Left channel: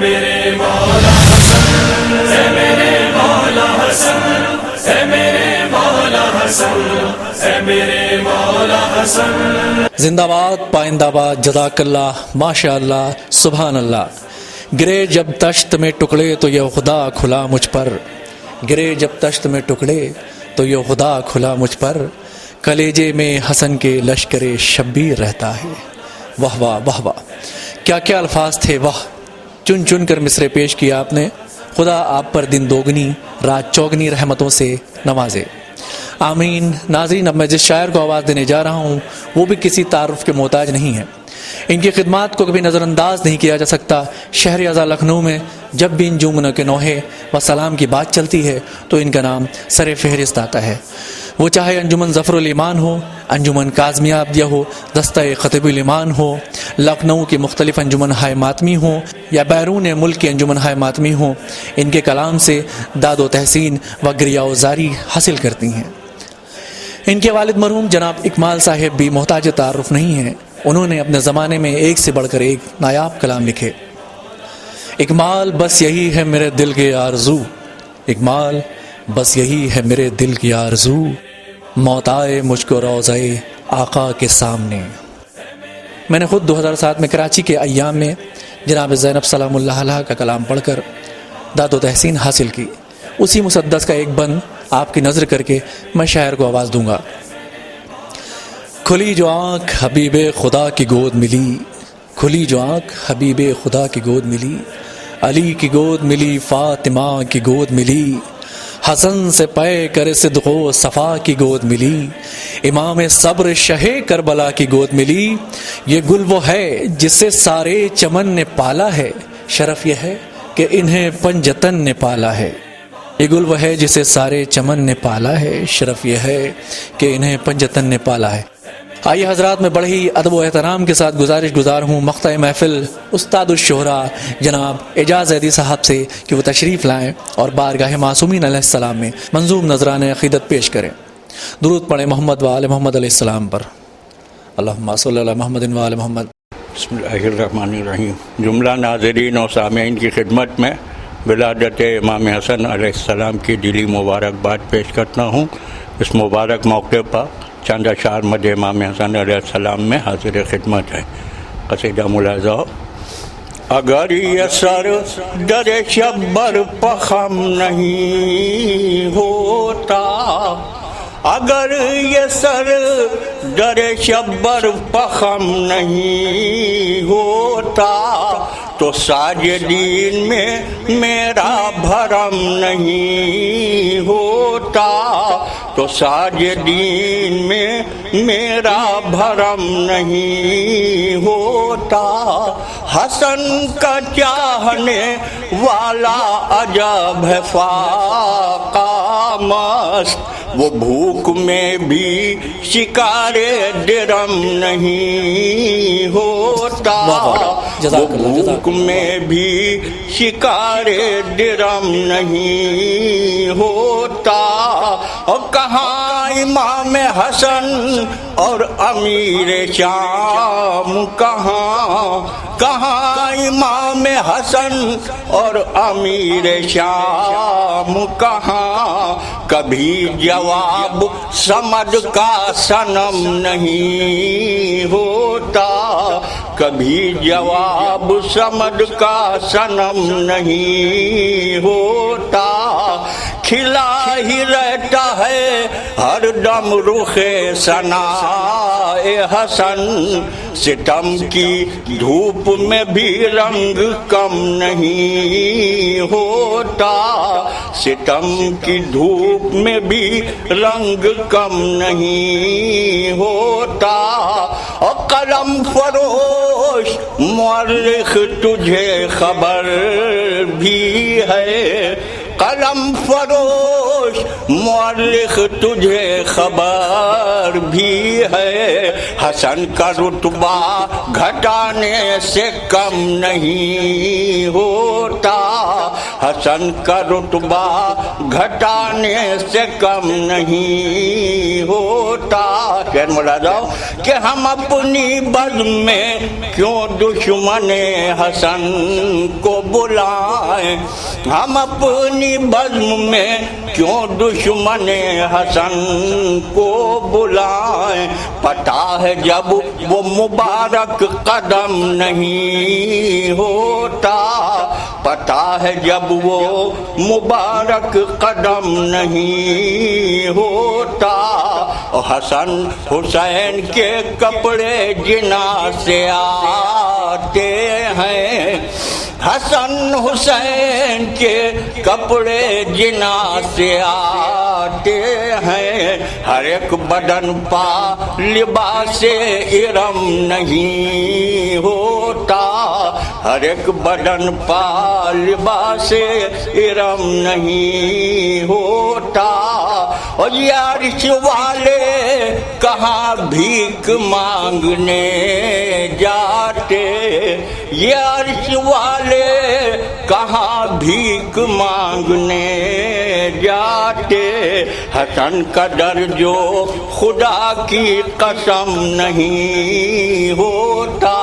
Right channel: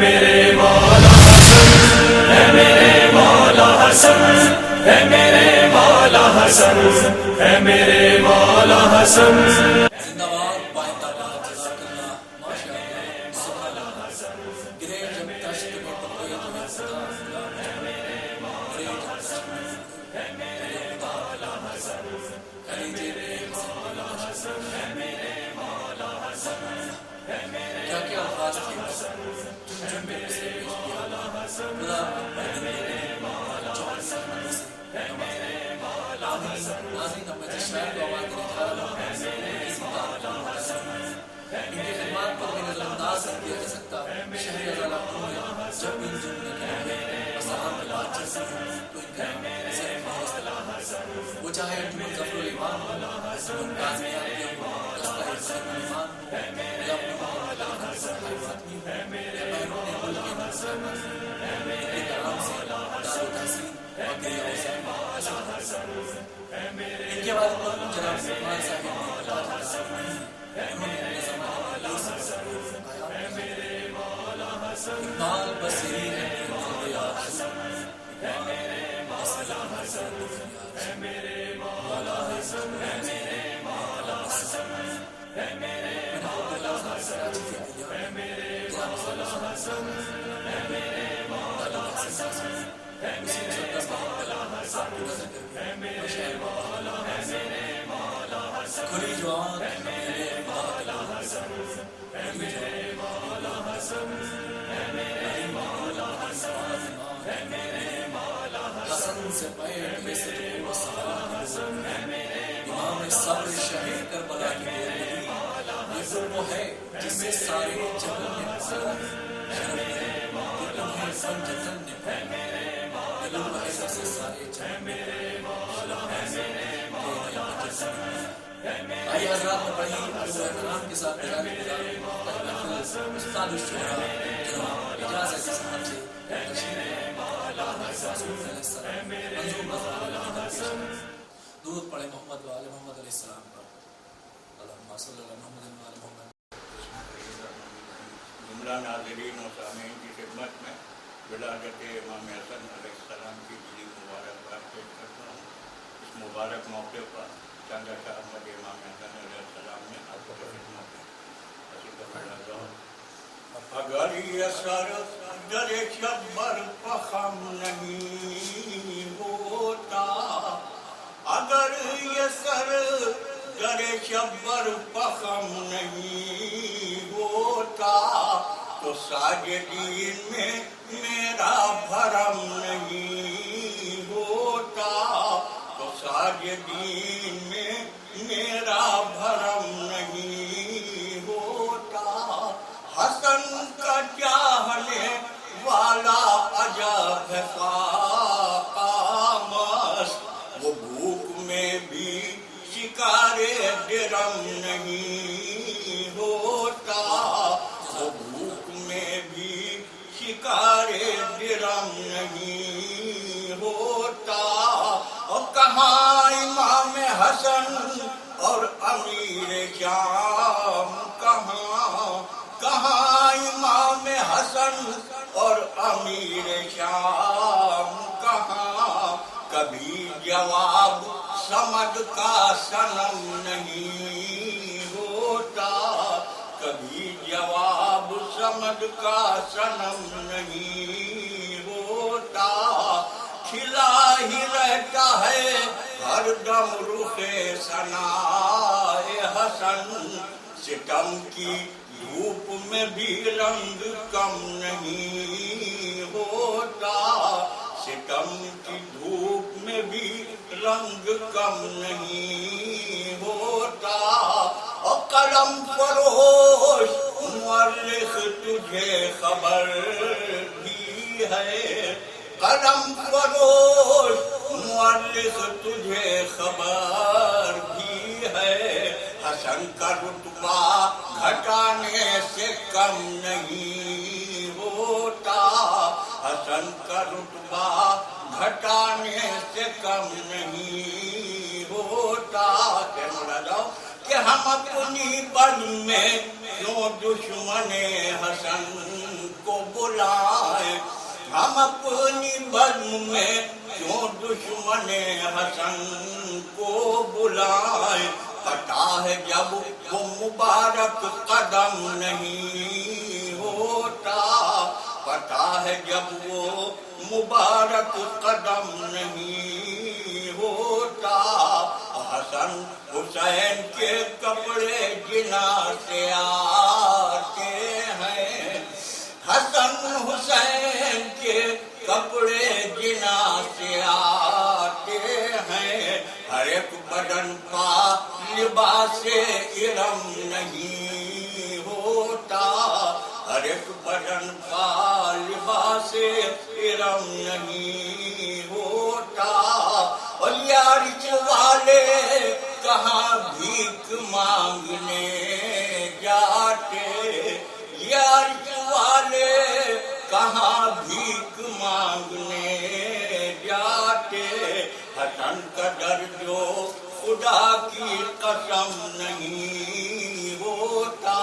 میرے مولا حسن، اے میرے مولا حسن، اے میرے مولا حسن، اے میرے مولا حسن۔ زندہ باد، پائندہ باد، جزاک اللہ، ماشاء اللہ، سبحان اللہ۔ گرے جب تشت میں ٹکڑے تو یہ خدا کھلا مجھ پر، گرے جب تشت میں ٹکڑے تو یہ خدا کھلا مجھ پر، کلیجے میں حسن کے لشکر شبیر رہتا ہے۔ واہ واہ واہ واہ، کیا کیا الفاظ تھے، واہ! چن چن کر مصرے پیش کیا آپ نے۔ خدا آپ پر دن دوگنی رات چوگنی رحمتوں سے نوازے، آمین۔ ناظرین، اب میں جس شاعر کو آواز دینے جا رہا ہوں وہ بھی کسی تعارف کے محتاج نہیں ہے، ان کی خدمات کو کبھی نظر انداز نہیں کیا جا سکتا۔ شہر ازاں لکھنؤ میں جب بھی انجمن کے نوحے و سلام کی بات چلتی ہے تو ان کا نام سر فہرست آتا ہے، وہ چاہے انجمن ظفر الایمان ہو، انجمن کاظمیہ عبدیہ ہو، دستہ خطیب الایمان ہو، لکھنؤ کی مختلف انجمن ہائے ماتمی ہوں یا بیرون ملک کی انجمن ہائے ماتمی ہوں، ان کے کلام سے داد و تحسین و گریہ و زاری حاصل کرتی ہیں۔ ان کے والد مرحوم جناب اکمال صاحب بھی محتاج تعارف نہیں ہیں، انہوں نے اپنے زمانے میں ایک سے بڑھ کر ایک نایاب کلام لکھے۔ اکمال بس یہی ہے میرے دل کی آرزو، اکمال بس یہی ہے میرے دل کی آرزو، موت آئے مجھ کو روضہ آقا کے سامنے۔ میں نے خود 2007 میں کراچی کے ایام میں جناب زینب سلام اللہ علیہ کا کلام پڑھ کر داد و تحسین حاصل کی۔ اسی مسدس کا ایک بند آپ کی نظر کر کے میں شاعر کو آواز دوں گا۔ کھلی جو آنکھ حبیب خدا کی گود ملی، کھلی جو آنکھ حبیب خدا کی گود ملی، علی کی گود ملی، فاطمہ کی گود ملی، حسن سے پے کر صدق و صفا کی گود ملی، امام صبر شہ کربلا کی گود ملی۔ یہ گل وہ ہے جسے سارے چمن نے پالا ہے، شرف یہ ہے کہ انہیں پنجتن نے پالا ہے۔ یہ گل وہ ہے جسے سارے چمن نے پالا ہے، شرف یہ ہے کہ انہیں پنجتن نے پالا ہے۔ آئیے حضرات، میں بڑے ہی ادب و احترام کے ساتھ گزارش گزار ہوں مقطع محفل استاد الشہرا جناب اعجاز عیدی صاحب سے کہ وہ تشریف لائیں اور بارگاہ معصومین علیہ السلام میں منظوم نذرانہ عقیدت پیش کریں۔ درود پڑھیں محمد و آل محمد علیہ السلام پر۔ اللہم صلی علی محمد و آل محمد۔ بسم اللہ الرحمن الرحیم۔ جملہ ناظرین و سامعین کی خدمت میں ولادت امام حسن علیہ السلام کی دلی مبارکباد پیش کرتا ہوں۔ اس مبارک موقع پر چند اشعار مدح امام حسن علیہ السلام میں حاضر خدمت ہے۔ قصیدہ ملاحظہ ہو۔ اگر یہ سر در شبر پخم نہیں ہوتا، اگر یہ سر در شبر پخم نہیں ہوتا، تو ساجدین میں میرا بھرم نہیں ہوتا، تو ساجدین میں میرا بھرم نہیں ہوتا۔ حسن کا چاہنے والا عجب ہے فاقہ مست، وہ بھوک میں بھی شکار درم نہیں ہوتا، وہ بھوک میں بھی شکار درم نہیں ہوتا۔ اور کہاں امام حسن اور امیر شام، کہاں امام حسن اور امیر شام، کہاں کبھی جواب سمد کا صنم نہیں ہوتا، کبھی جواب سمد کا صنم نہیں ہوتا۔ کھلا ہی رہتا ہے ہر دم رخ ثنائے حسن، ستم کی دھوپ میں بھی رنگ کم نہیں ہوتا، ستم کی دھوپ میں بھی رنگ کم نہیں ہوتا۔ اور قلم فروش مورخ تجھے خبر بھی ہے، قلم فروش مورخ تجھے خبر بھی ہے، حسن کا رتبہ گھٹانے سے کم نہیں ہوتا، حسن کا رتبہ گھٹانے سے کم نہیں ہوتا. خیر ملاحظہ کہ ہم اپنی بزم میں کیوں دشمن حسن کو بلائیں, ہم اپنی بزم میں کیوں دشمن حسن کو بلائیں. پتہ ہے جب وہ مبارک قدم نہیں ہوتا, پتہ ہے جب وہ مبارک قدم نہیں ہوتا. حسن حسین کے کپڑے جنا سے آتے ہیں, حسن حسین کے کپڑے جنا سے آتے ہیں. ہر ایک بدن پا لباس ارم نہیں ہوتا, ہر ایک بدن پا لباس ارم نہیں ہوتا. اور یہ عرش والے کہاں بھیک مانگنے جاتے, یہ عرش والے کہاں بھیک مانگنے جاتے. حسن کا در جو خدا کی قسم نہیں ہوتا,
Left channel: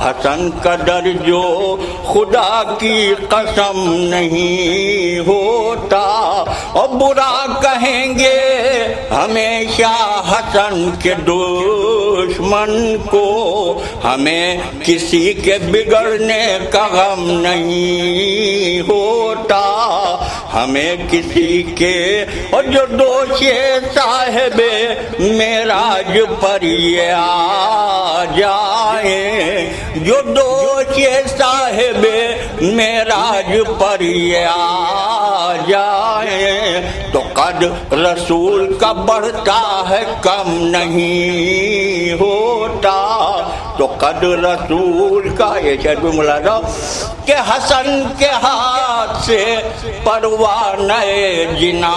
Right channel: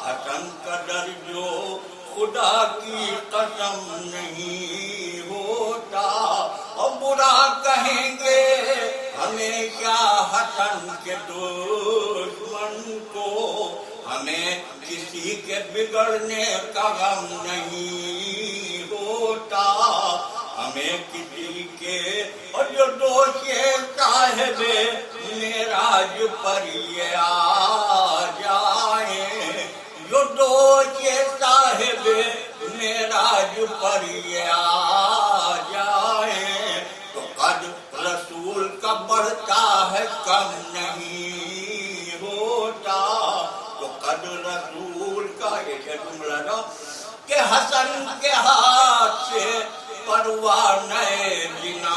حسن کا در جو خدا کی قسم نہیں ہوتا. اور برا کہیں گے ہمیشہ حسن کے دشمن کو, ہمیں کسی کے بگڑنے کا غم نہیں ہوتا, ہمیں کسی کے. اور جو دوش صاحب معراج پر یہ آ جائیں, جو دوش صاحب معراج پر یہ آ جائیں, تو قد رسول کا بڑھتا ہے کم نہیں ہوتا, تو قد رسول کا. یہ شعر بھی ملاحظہ کہ حسن کے ہاتھ سے پروانہ جنا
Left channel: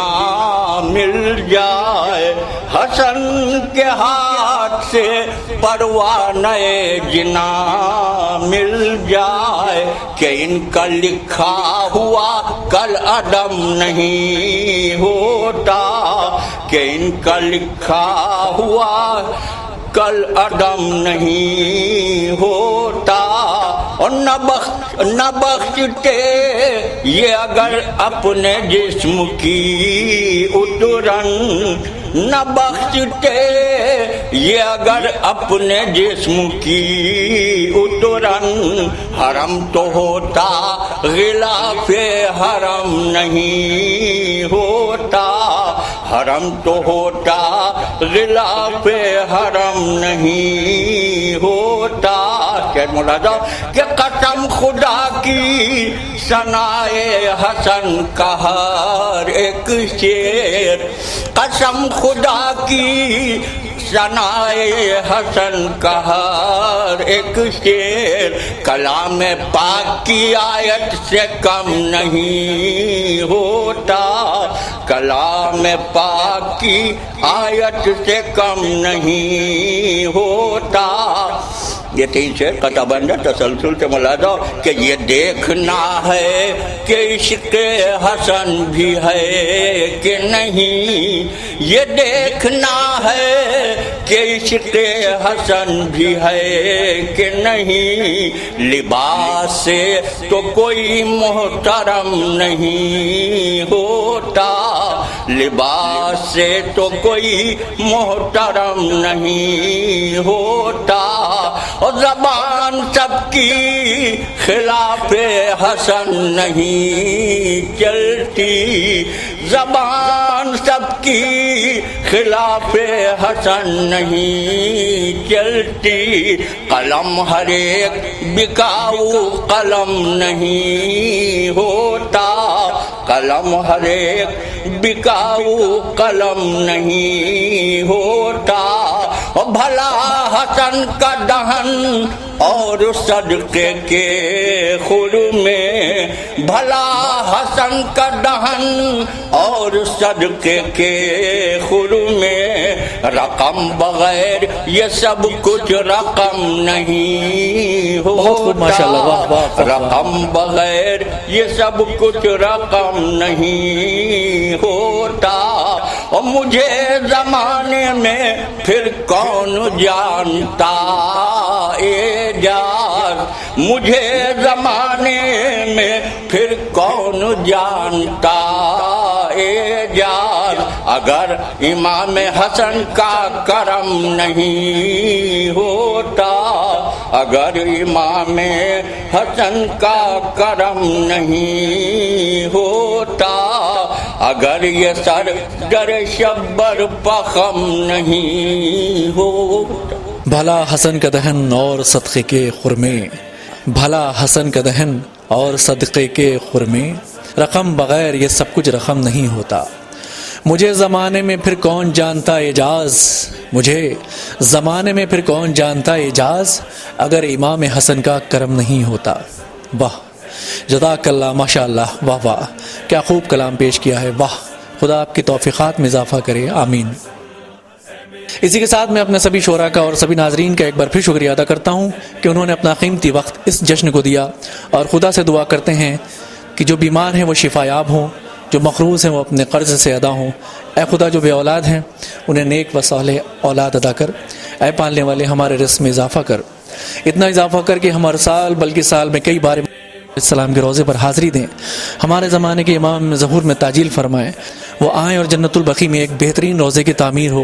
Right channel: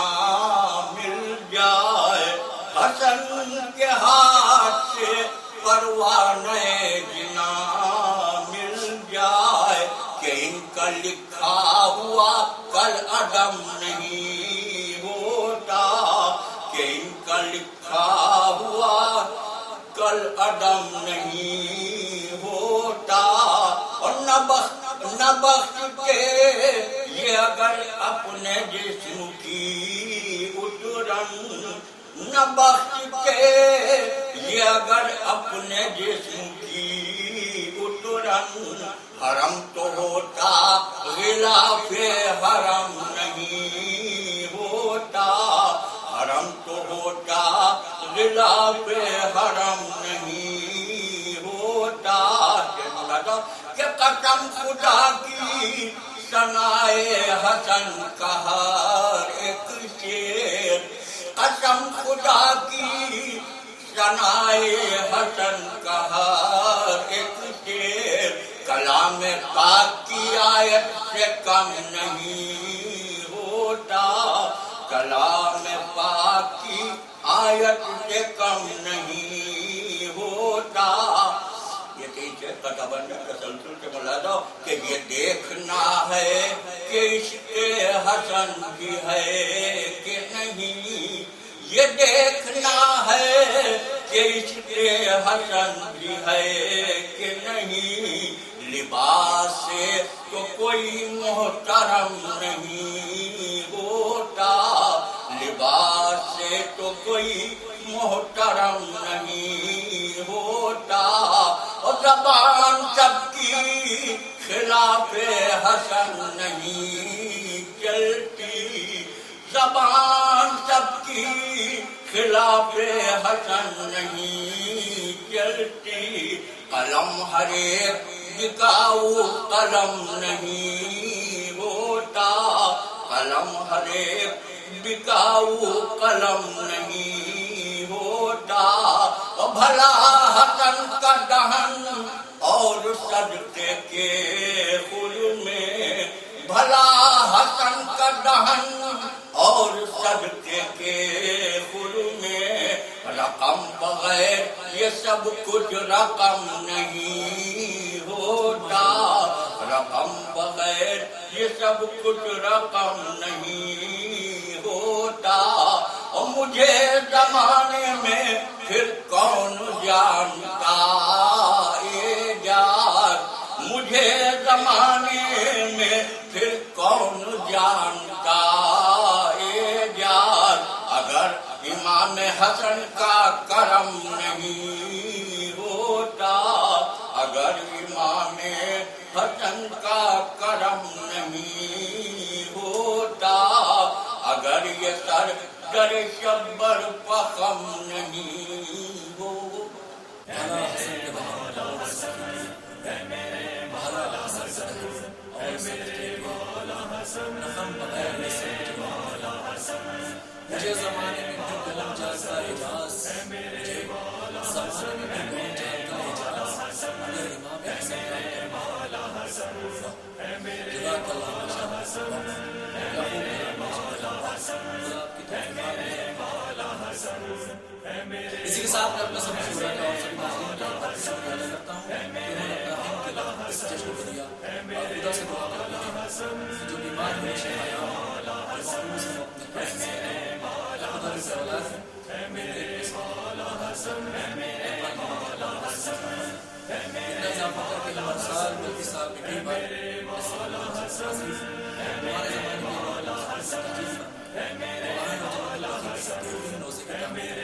مل جائے, حسن کے ہاتھ سے پروانہ جنا مل جائے. کہ ان کا لکھا ہوا کل عدم نہیں ہوتا, کہ ان کا لکھا ہوا کل عدم نہیں ہوتا. اور نہ بخشتے یہ اگر اپنے جسم کی اترن, نہ بخشتے یہ اگر اپنے جسم کی اترن. حرم تو ہوتا غلاف حرم نہیں ہوتا, حرم تو ہوتا غلاف حرم نہیں ہوتا. کہ ملاحظہ کہ قسم خدا کی ثنائے حسن کا ہر ایک شعر, قسم خدا کی ثنائے حسن کا ہر ایک شعر کلام پاک کی آیت سے کم نہیں ہوتا, کلام پاک کی آیت سے کم نہیں ہوتا. یہ تین شعر قطع بندہ تسلسل سے ملاحظہ کہ یہ دیکھنا ہے کہ عشق حسن بھی ہے کہ نہیں, یہ دیکھنا ہے کہ عشق حسن بھی ہے کہ نہیں. لباس سے تو کوئی محترم نہیں ہوتا, لباس سے تو کوئی محترم نہیں ہوتا. اور زبان سب کی خلاف حسن نہیں چلتی, زبان سب کی خلاف حسن نہیں چلتی. قلم ہر ایک بکاؤ قلم نہیں ہوتا, قلم ہر ایک بکاؤ قلم نہیں ہوتا. اور بھلا حسن کا دہن اور صدقے کے خور میں, بھلا حسن کا دہن اور صدقے کے خور میں رقم بغیر یہ سب کچھ رقم نہیں بہت خوب، ماشاءاللہ، واہ واہ ہوتا، واہ۔ رقم بغیر یہ سب کچھ رقم نہیں ہوتا، اور مجھے زمانے میں پھر کون جانتا اعجاز، مجھے زمانے میں پھر کون جانتا اعجاز، اگر امام حسن کا کرم نہیں ہوتا، اگر امام حسن کا کرم نہیں ہوتا، اگر یہ سر در شبر پخم نہیں ہوتا۔ بھلا حسن کا دہن اور صدقے کے خرمے، بھلا حسن کا دہن اور صدقے کے خرمے، رقم بغیر یہ سب کچھ رقم نہیں ہوتا، مجھے زمانے میں پھر کون جانتا اعجاز، مجھے زمانے میں پھر کون جانتا اعجاز، اگر امام حسن کا کرم نہیں ہوتا۔ واہ، جزاک اللہ، ماشاء اللہ، واہ واہ، کیا خوب کلام پیش کیا ہے، واہ، خدا آپ کی توفیقات میں اضافہ کرے، آمین۔ اسی کے ساتھ میں اپنے سبھی شعراء کا اور سبھی ناظرین کا ایک بار پھر شکریہ ادا کرتا ہوں کہ انہوں نے اپنا قیمتی وقت اس جشن کو دیا، اور خدا سے دعا کرتے ہیں کہ جو بیمار ہیں وہ شفا یاب ہوں، جو مقروض ہیں وہ اپنے قرض سے ادا ہوں۔ اے خدا، جو بے اولاد ہیں انہیں نیک و صالح اولاد ادا کر، اے پالنے والے ہمارے رزق میں اضافہ کر، اتنا اضافہ کر کہ ہمارے سال بلکہ سال میں کئی بار السلام کے روزے پر حاضری دیں، ہمارے زمانے کے امام ظہور میں تعجیل فرمائیں، وہ آئیں اور جنت البقیع میں ایک بہترین روزے کی تعمیر ہو،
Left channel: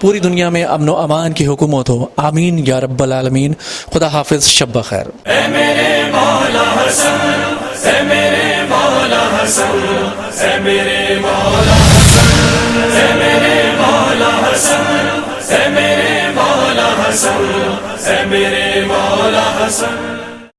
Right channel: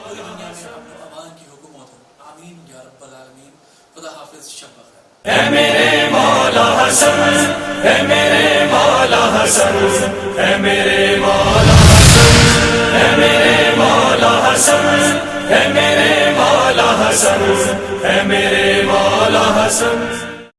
پوری دنیا میں امن و امان کی حکومت ہو، آمین یا رب العالمین۔ خدا حافظ، شب بخیر۔ اے میرے مولا حسن، اے میرے مولا حسن، اے میرے مولا حسن، اے میرے مولا حسن، اے میرے مولا حسن، اے میرے مولا حسن۔